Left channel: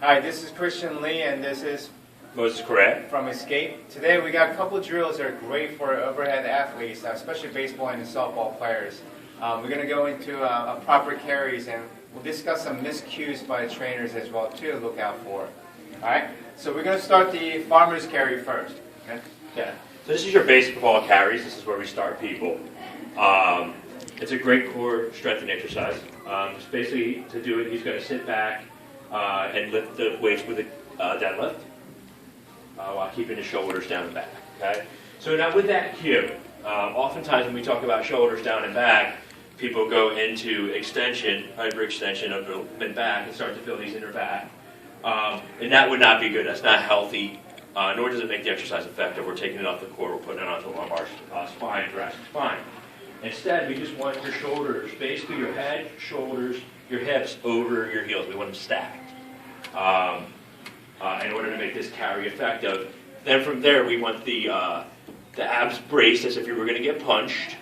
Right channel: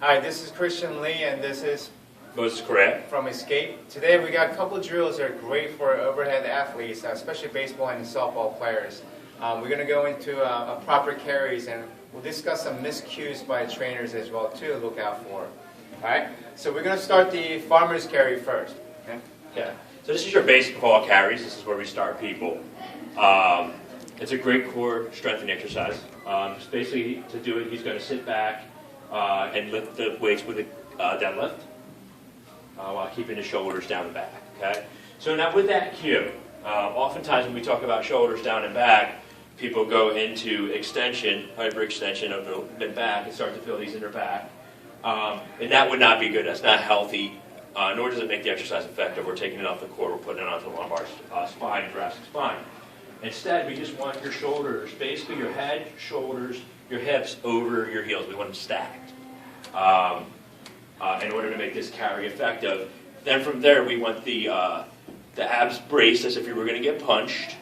Hi, this is Christian Lee, and this is Moses Correa. from Escape. Today we got a couple of drills that are great for overhead athletes, especially baseball and softball players. We're going to go into proper carries, and we'll discuss some miscues by trainers as well too to look out for. All right, so we're going to start the farmer's carry first. Okay. So this is your baseball carries. This is where we start people. It's a great core strengthening exercise. Just basically to do it, he's going to sit back and lift the weights with a deadlift while keeping his shoulders down and back. Okay. So now with that cue, oftentimes when we talk about shoulders down and back, people go into extension, hyperextension of the mid back, and start to feel these inner back, and that would not be good. That's not healthy. Nor does it make the exercise effective. We're taking it off the core, we're putting it onto the lumbar spine, thoracic spine. Instead, we just want your shoulders, basically your head, shoulders, your hips over your heels. We want them stacked in order to make this carry effective. Then from there, we want the abs braced as if you were going to get punched.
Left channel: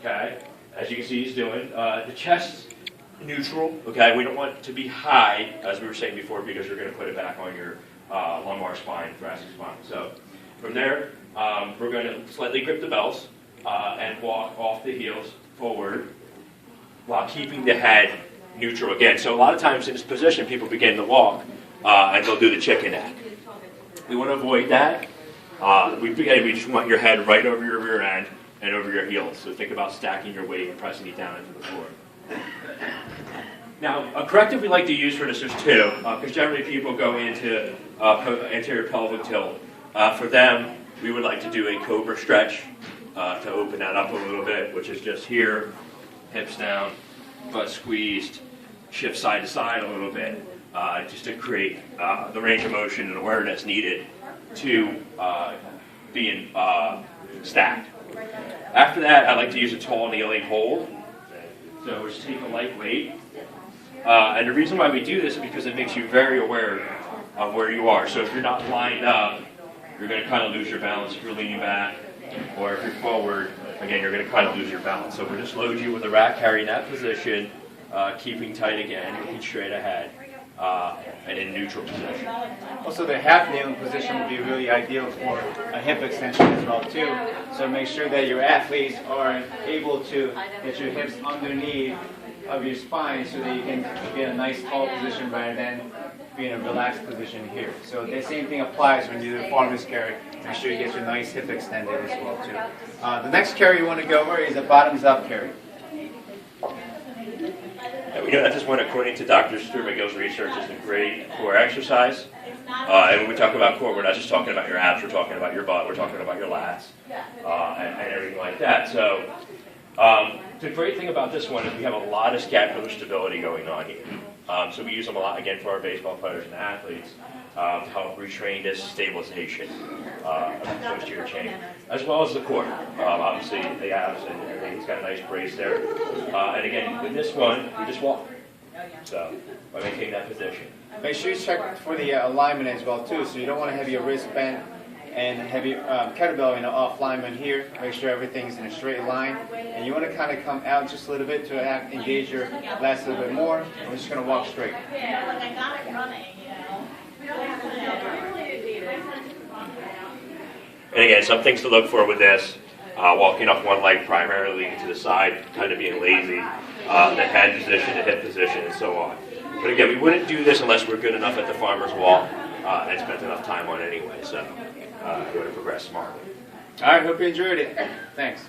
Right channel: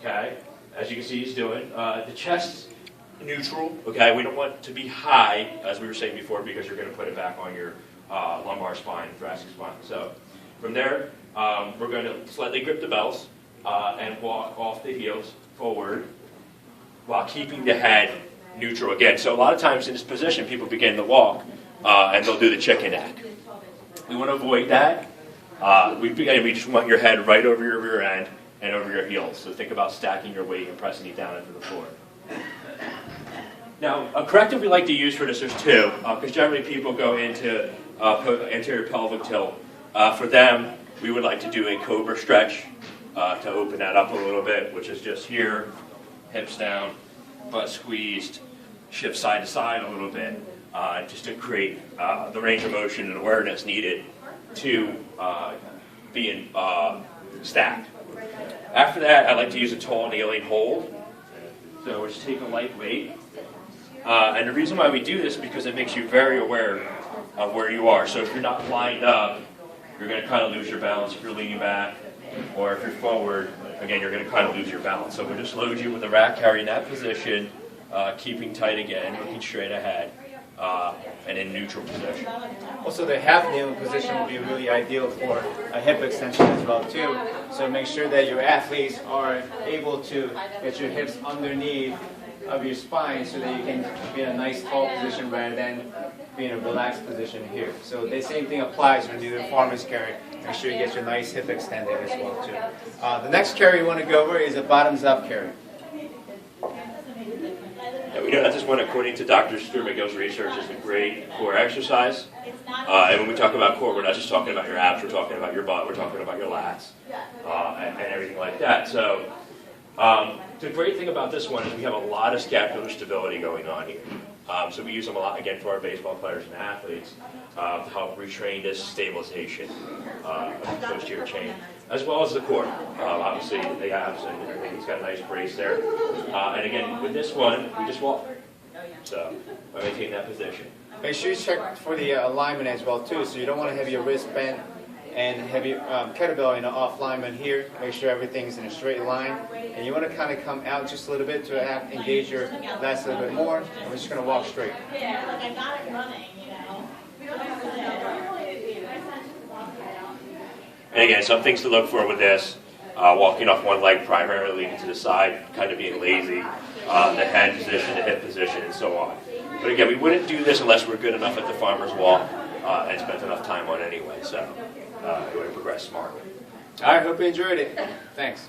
Okay, as you can see, he's doing. The chest neutral. Okay, we don't want it to be high, as we were saying before, because you're going to put it back on your lumbar spine, thoracic spine. So from there, we're going to slightly grip the bells and walk off the heels forward while keeping the head neutral again. So a lot of times in this position, people begin to walk and they'll do the chicken neck. We want to avoid that. We just want your head right over your rear end and over your heels. So think about stacking your weight and pressing it down into the floor. Now, a corrective we like to use for this, there's two, because generally people go into anterior pelvic tilt. For them, we would like to do a cobra stretch to open that up a little bit, which is just here, hips down, butt squeezed, shift side to side a little bit, just to create the range of motion and awareness needed to being stacked. After that, I like to use a tall kneeling hold. So we'll just take a light weight. And the reason why we do this is because it makes you very aware of where you are. So if you're not lined up, you're going to kind of lose your balance if you're leaning back. Or if you're forward, again, you're going to kind of lose your balance. So we'll just load you with a rack carry in that position, keeping tight again, looking straight ahead, and in neutral position. Also, the half kneeling position would be really ideal for a hip extension as well too. So make sure that your athletes are able to get your hips underneath of your spine so that you can be in a nice tall position rather than be in a relaxed position here. So the same thing applies when you do the farmer's carry. Make sure you get your nice hip extended as well too. The next carry you want to go over is a bottoms up carry. We know that this one, according to Dr. Stuart McGill's research, is a great core exercise. And when we talk about core, we're not just talking about your abs, we're talking about your butt, we're talking about your lats, and everything like that. So the great thing about this one is we have a lot of scapular stability going on here. So we use them a lot, again, for our baseball players and athletes to help retrain this stabilization of the posterior chain, as well as the core. Obviously, the abs and everything. He's got a nice brace there. And again, with this one, we just walk. So by maintaining that position. Make sure you check for the alignment as well too. So you don't want to have your wrist bent and have your kettlebell in an off alignment here. Make sure everything's in a straight line. And you want to kind of come out just a little bit to engage your lats a little bit more. And we're just going to walk straight. Yeah, like I got it running, you know. We don't have to And again, some things to look for with this. Walking off one leg primarily to the side, kind of being lazy, the head position, the hip position, and so on. But again, we wouldn't do this unless we're good enough at the farmer's walk and spent enough time on it anyway, so it would progress smartly. All right, hope you enjoyed it. Thanks.